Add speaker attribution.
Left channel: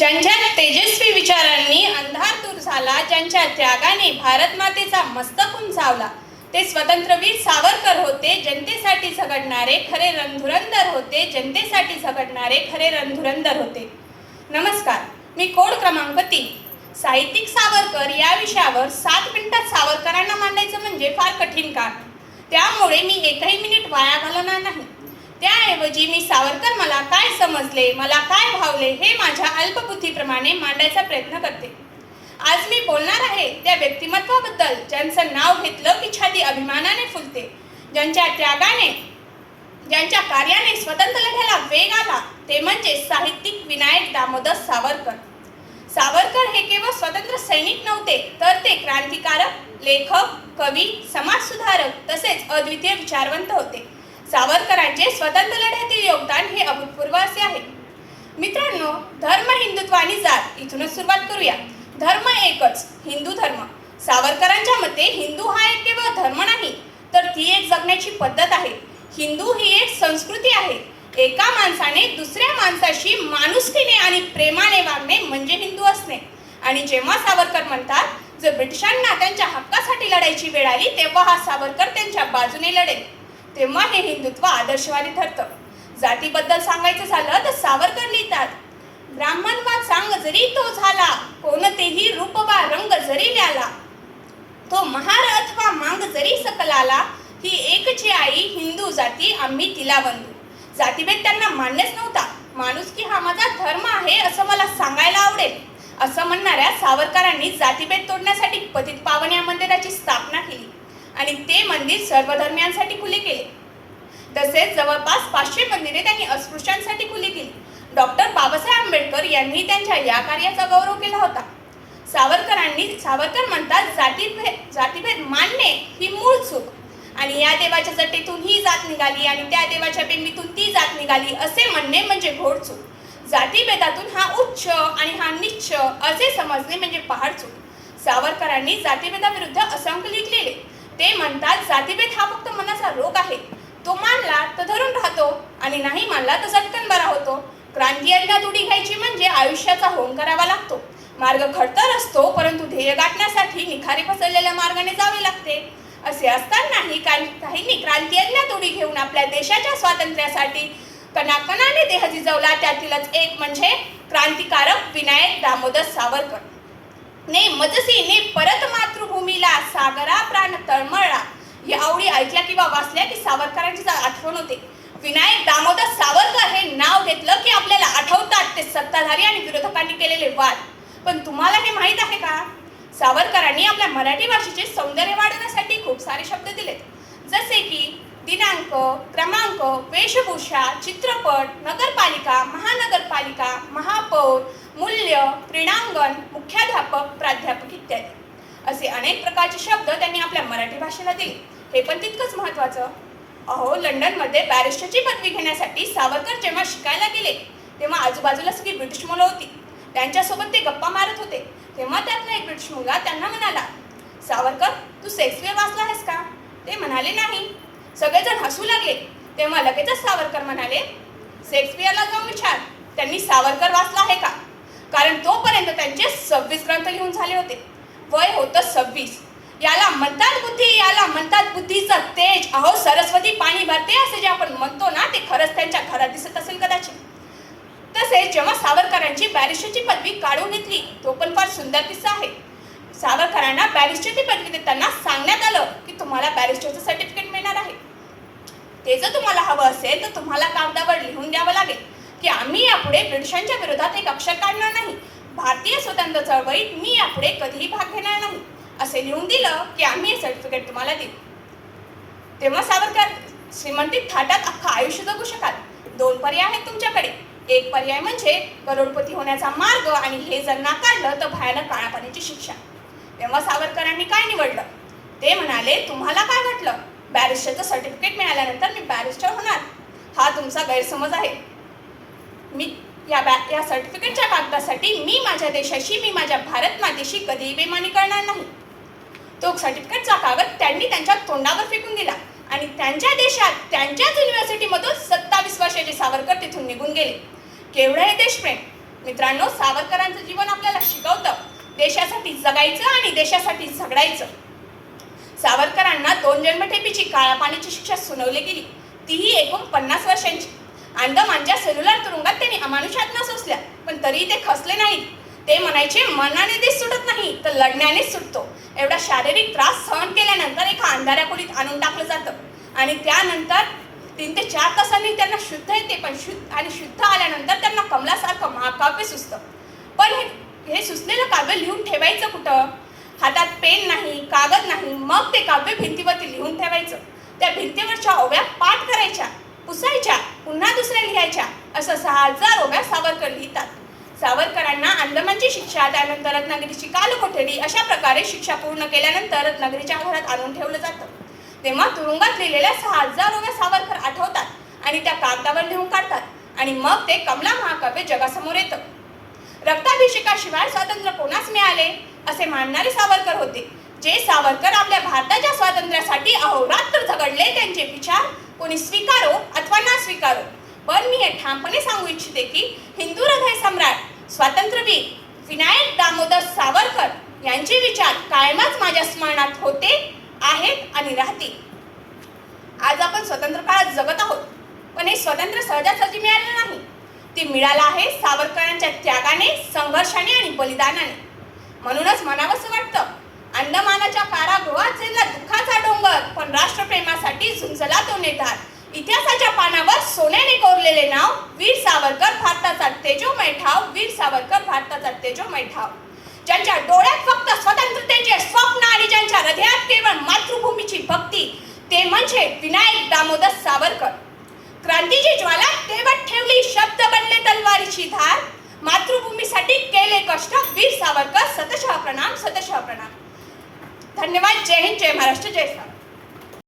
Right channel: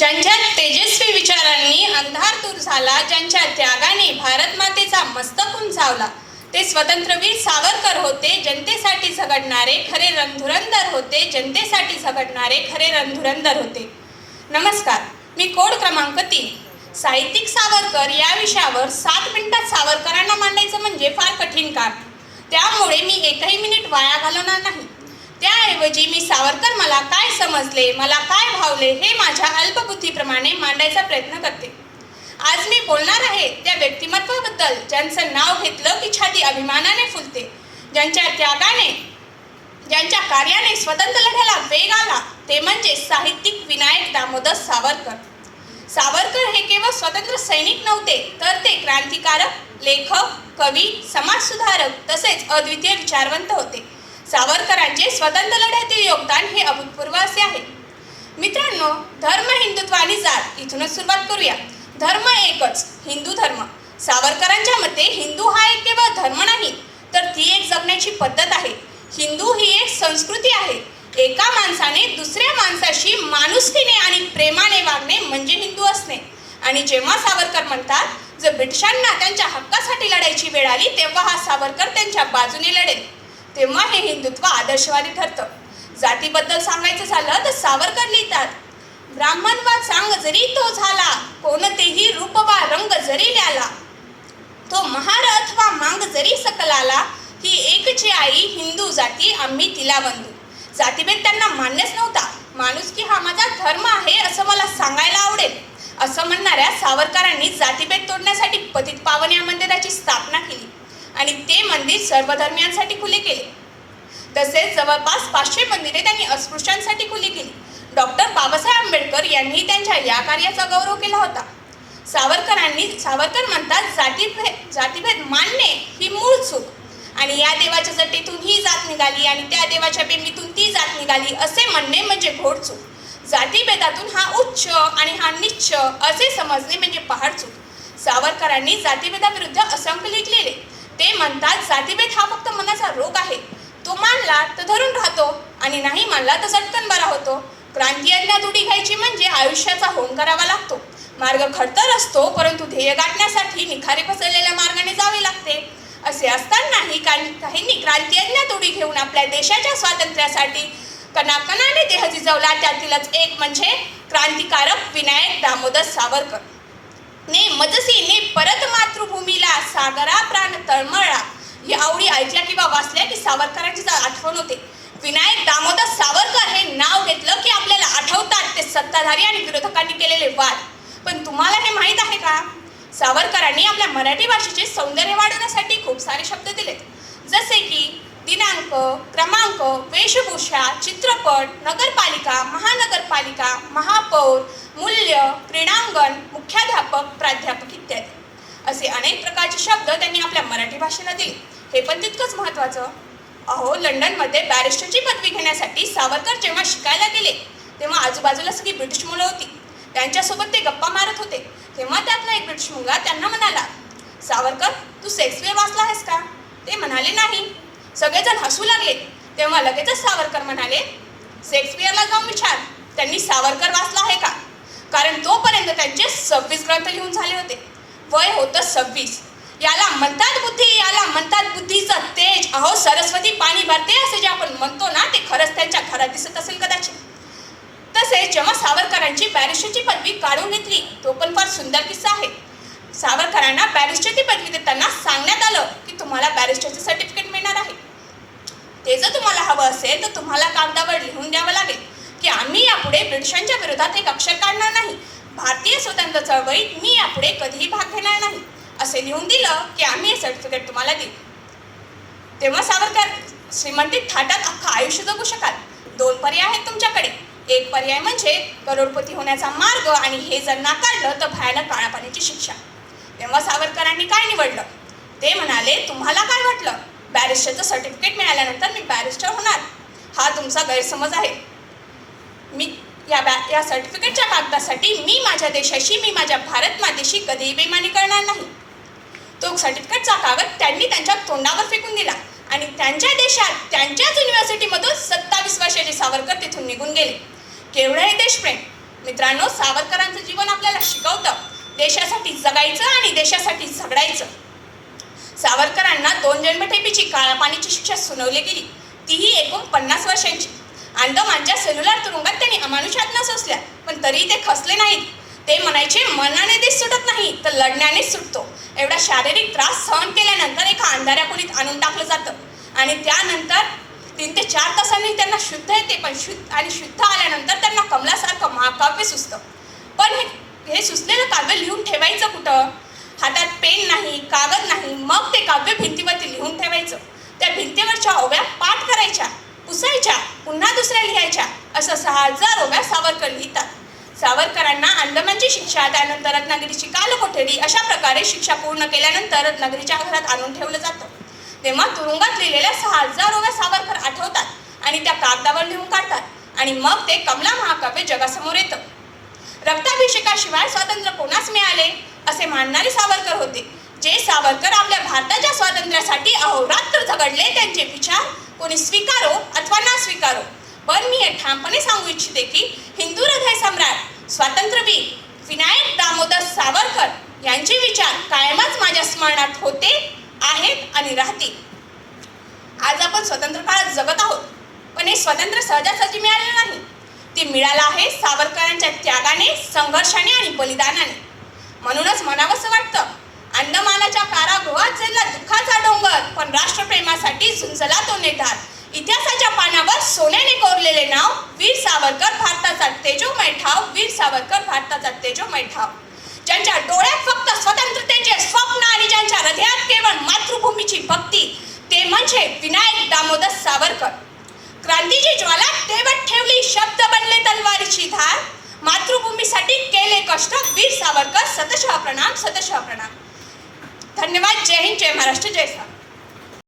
Speaker 1: ज्यांच्या तेजस्वी विचारांनी अंधार दूर झाला ज्यांच्या त्यागाने भारत मातेचा मस्तक उंचावला ते स्वतंत्रवीर सावरकर होते जनतेसाठी झगडणारे खरे रणधुरंदर होते जनतेसाठी झगडणारे खरे रणधुरंदर होते. नमस्कार मी कोड क्रमांक तीन. साहित्यिक सावरकर या विषयावर सात मिनिटात सावरकरांना मांडायचं म्हणजे फार कठीण काम. त्यामुळे मी एकही मिनिट वाया घालवणार नाही. त्याऐवजी मी सावरकर मला काय समजले मला काय भावले हे माझ्या अल्पबुद्धीप्रमाणे मांडायचा प्रयत्न करते. आज मी बोलणार आहे त्या व्यक्तिमत्वाबद्दल ज्यांचं नाव घेतलं की छाती अभिमानाने फुलते ज्यांच्या त्यागाने ज्यांच्या कार्याने स्वतंत्र लढ्याला वेग आला ते म्हणजे साहित्यिक विनायक दामोदर सावरकर. सावरकर हे केवळ स्वतंत्र सैनिक नव्हते तर ते क्रांतिकारक लेखक कवी समाजसुधारक तसेच अद्वितीय विचारवंत होते. सावरकरांचे स्वतंत्र लढ्यातील योगदान हे अभूतपूर्व असे आहे. मित्रांनो धर्म हिंदुत्व आणि जात. इथूनच सुरुवात करूया. धर्म एकच हिंदू धर्म. सावरकरांच्या मते हिंदू हा एक केवळ धर्म नाही तर ती एक जगण्याची पद्धत आहे. हिंदू ही एक संस्कृती आहे. एका माणसाने दुसऱ्या माणसाशी माणुसकीने आणि प्रेमाने वागणे म्हणजे हिंदू असणे. आणि जेव्हा सावरकर म्हणतात जर ब्रिटिशांना त्यांच्या हक्कासाठी लढायची वेळ आली तेव्हा हा सावरकर त्यांच्या बाजूने लढेल. तेव्हा हे हिंदुत्व आदर्शवादी ठरतं. जातीबद्दल सांगायचं झालं तर सावरकर लिहितात ब्राह्मणवाद सांग जरी तो झाला कोणतेही रूप वा रंग जरी ल्याला तो महार अथवा मांग जरी सकलाला ही एकची आई हिंदू जाती आम्ही तिला बंधू. जातीभेद त्यांना मान्यच नव्हता. माणूस की हा माझा धर्म आहे असं मला सांगायला आवडेल. असं म्हणणाऱ्या सावरकरांनी जातीभेद तोडण्यासाठी पतित पावन या मंदिराची स्थापना केली. आणि ते मंदिर सर्व धर्मियांसाठी खुले केले. तसेच जवळपास पाचशे मंदिरे त्यांनी अस्पृश्यांसाठी खुली केली. डॉक्टर बाबासाहेब आंबेडकर यांनी त्यांच्या या कार्याचा गौरव केला होता. सावरकरांनी सावरकर म्हणतात जातीभेद जातीभेद मानणे ही मूळ चूक. आणि या देवाच्या जटेतून ही जात निघाली आणि त्या देवाच्या बेंबीतून ती जात निघाली असे म्हणणे म्हणजे घोडचूक जातीभेदातून हा उच्च आणि हा निच्च असे समजणे म्हणजे पहाडचूक सावरकरांनी जातीभेदाविरुद्ध असंख्य लिहिलेले ते म्हणतात जातीभेद हा फक्त मनाचा रोग आहे. तो मानला तर धरून राहतो आणि नाही मानला तर झटकन बरा होतो. क्रांती अज्ञात घ्यायची म्हणजे आयुष्याचा होम करावा लागतो. मार्ग खडतर असतो परंतु ध्येय गाठण्यासाठी निखारी पसरलेल्या मार्गाने जावे लागते. असे असतानाही काही काहींनी क्रांती अज्ञात घेऊन आपल्या देशाच्या स्वातंत्र्यासाठी कणाकणाने देह झिजवला त्यातीलच एक म्हणजे क्रांतिकारक विनायक दामोदर सावरकर. ने मजसी ने परत मातृभूमीला सागरा प्राण तळमळला. ही आवडी ऐकल्या किंवा वाचल्या की सावरकरांची आठवण होते. विनायक दामोदर सावरकर हे नाव घेतलं की आपल्याला आठवतात ते सत्ताधारी आणि विरोधकांनी केलेले वाद. पण तुम्हाला हे माहीत आहे का? सावरकरांनी आपल्या मराठी भाषेचे सौंदर्य वाढवण्यासाठी खूप सारे शब्द दिलेत. जसे की दिनांक क्रमांक वेशभूषा चित्रपट नगरपालिका महानगरपालिका महापौर मूल्य क्रीडांगण मुख्याध्यापक प्राध्यापक इत्यादी. असे अनेक प्रकारचे शब्द त्यांनी आपल्या मराठी भाषेला दिले. हे पण तितकंच महत्त्वाचं. अहो लंडनमध्ये बॅरिस्टरची पदवी घेण्यासाठी सावरकर जेव्हा शिकायला गेले तेव्हा आजूबाजूला सगळी ब्रिटिश मुलं होती. त्यांच्यासोबत ते गप्पा मारत होते. तेव्हा त्यातला एक ब्रिटिश मुलगा त्यांना म्हणाला सावरकर तू शेक्सपियर वाचला आहेस का? ते म्हणाले नाही. सगळेजण हसू लागले. तेव्हा लगेचच सावरकर म्हणाले शेक्सपियरला जाऊन विचार. त्यांनी सावरकर वाचला आहे का? कारण तोपर्यंत त्यांचे सव्वीस ग्रंथ लिहून झाले होते. वय होतं सव्वीस. याला म्हणतात बुद्धी याला म्हणतात बुद्धीचं तेज. अहो सरस्वती पाणी भरते असे जे आपण म्हणतो ना ते खरंच त्यांच्या घरात दिसत असेल कदाचित. तसेच जेव्हा सावरकरांची बॅरिस्टरची पदवी काढून घेतली तो पण फार सुंदर किस्सा आहे. सावरकरांना बॅरिस्टरची पदवी देताना सांगण्यात आलं की तुम्हाला बॅरिस्टरचं सर्टिफिकेट मिळणार आहे. ते जर तुम्हाला हवं असेल तर तुम्हाला कागदावर लिहून द्यावं लागेल की आम्ही यापुढे ब्रिटिशांच्या विरोधात एक अक्षर काढणार नाही. भारतीय स्वतंत्र चळवळीत मी यापुढे कधीही भाग घेणार नाही. असे लिहून दिलं की आम्ही हे सर्टिफिकेट तुम्हाला देऊ. तेव्हा सावरकर श्रीमंतीत थाटात अख्खं आयुष्य जगू शकाल. दोन पर्याय आहेत तुमच्याकडे. एक पर्याय म्हणजे करोडपती होण्याचा मार्ग आणि हे जर नाकारलं तर भयानक काळापाण्याची शिक्षा. तेव्हा सावरकरांनी काय निवडलं? ते म्हणाले तुम्हाला काय वाटलं? बॅरिस्टरचं सर्टिफिकेट मिळाल्यानंतर मी बॅरिस्टर होणार. हा तुमचा गैरसमज आहे. मी या बॅ या सर्टिफिकेटच्या कागदासाठी मी माझ्या देशाशी मी माझ्या भारत मातेशी कधीही बेमानी करणार नाही. तो सर्टिफिकेटचा कागद त्यांनी त्यांच्या तोंडावर फेकून दिला आणि त्यांच्या देशात त्यांच्याच युनिव्हर्सिटीमधून सत्तावीस वर्षाचे सावरकर तिथून निघून गेले. केवढं हे देशप्रेम? मित्रांनो सावरकरांचं जीवन आपल्याला शिकवतं. देशासाठी जगायचं आणि देशासाठी झगडायचं. सावरकरांना दोन जन्मठेपीची काळा पाण्याची शिक्षा सुनावली गेली. तीही एकूण पन्नास वर्षांची. अंदमानच्या सेल्युलर तुरुंगात त्यांनी अमानुषात सोसल्या पण तरीही ते खसले नाहीत. ते म्हणायचे मनाने ते सुटत नाही तर लढण्यानेच सुटतो. एवढा शारीरिक त्रास सहन केल्यानंतर एका अंधाऱ्या खोलीत आणून टाकलं जातं. आणि त्यानंतर तीन ते चार तासांनी त्यांना शुद्ध येते पण शुद्ध आणि शुद्ध आल्यानंतर त्यांना कमलासारखं महाकाव्य सुचतं. पण हे हे सुचलेलं काव्य लिहून ठेवायचं कुठं? हातात पेन नाही कागद नाही मग ते काव्य भिंतीवरती लिहून ठेवायचं. त्या भिंतीवरच्या ओव्या पाठ करायच्या पुसायच्या पुन्हा दुसऱ्या लिहायच्या असं सहा हजार ओव्या सावरकर लिहितात. सावरकरांना अंदमानची शिक्षा त्यानंतर रत्नागिरीची कालकोठडी अशा प्रकारे शिक्षा पूर्ण केल्यानंतर रत्नागिरीच्या घरात आणून ठेवलं जातं. तेव्हा तुरुंगात लिहिलेल्या सहा हजार ओव्या सावरकर आठवतात आणि त्या कागदावर लिहून काढतात आणि मग ते कमला महाकाव्य जगासमोर येतं. रक्ताभिषेकाशिवाय स्वातंत्र्य कोणास मिळाले? असे मानणारे सावरकर होते. जे सावरकर आपल्या भारताच्या स्वातंत्र्यासाठी अहोरात्र झगडले त्यांचे विचार कोणी स्वीकारो अथवा ना स्वीकारो. पण मी हे ठामपणे सांगू इच्छिते की हिंदू हृदय सम्राट स्वातंत्र्यवीर विनायक दामोदर सावरकर यांचे विचार कायमच माझ्या स्मरणात होते आहेत आणि राहतील. आज आपण स्वतंत्र काळात जगत आहोत पण हे स्वातंत्र्य सहजासहजी मिळाले नाही. ते मिळालं आहे सावरकरांच्या त्यागाने संघर्षाने आणि बलिदानाने. म्हणूनच म्हणावंसं वाटतं. अंदमानाच्या कारागृहात झेलला दुःखाचा डोंगर पण राष्ट्रप्रेमासाठी झुंजला तो नेटार इतिहासाच्या पानावर सोन्याने कोरलेले नाव वीर सावरकर भारताचा तेजोमय ठाव वीर सावरकर भारताचा तेजोमय ठाव ज्यांच्या डोळ्यात फक्त स्वतंत्रतेचे स्वप्न आणि ज्यांच्या हृदयात केवळ मातृभूमीची भक्ती ते म्हणजे विनायक दामोदर सावरकर. क्रांतीची ज्वाला तेवत ठेवली शब्द बनले तलवारीची धार. मातृभूमीसाठी केले कष्ट. वीर सावरकर सतशः प्रणाम सतशः प्रणाम. धन्यवाद. जय हिंद जय महाराष्ट्र जय सावरकर.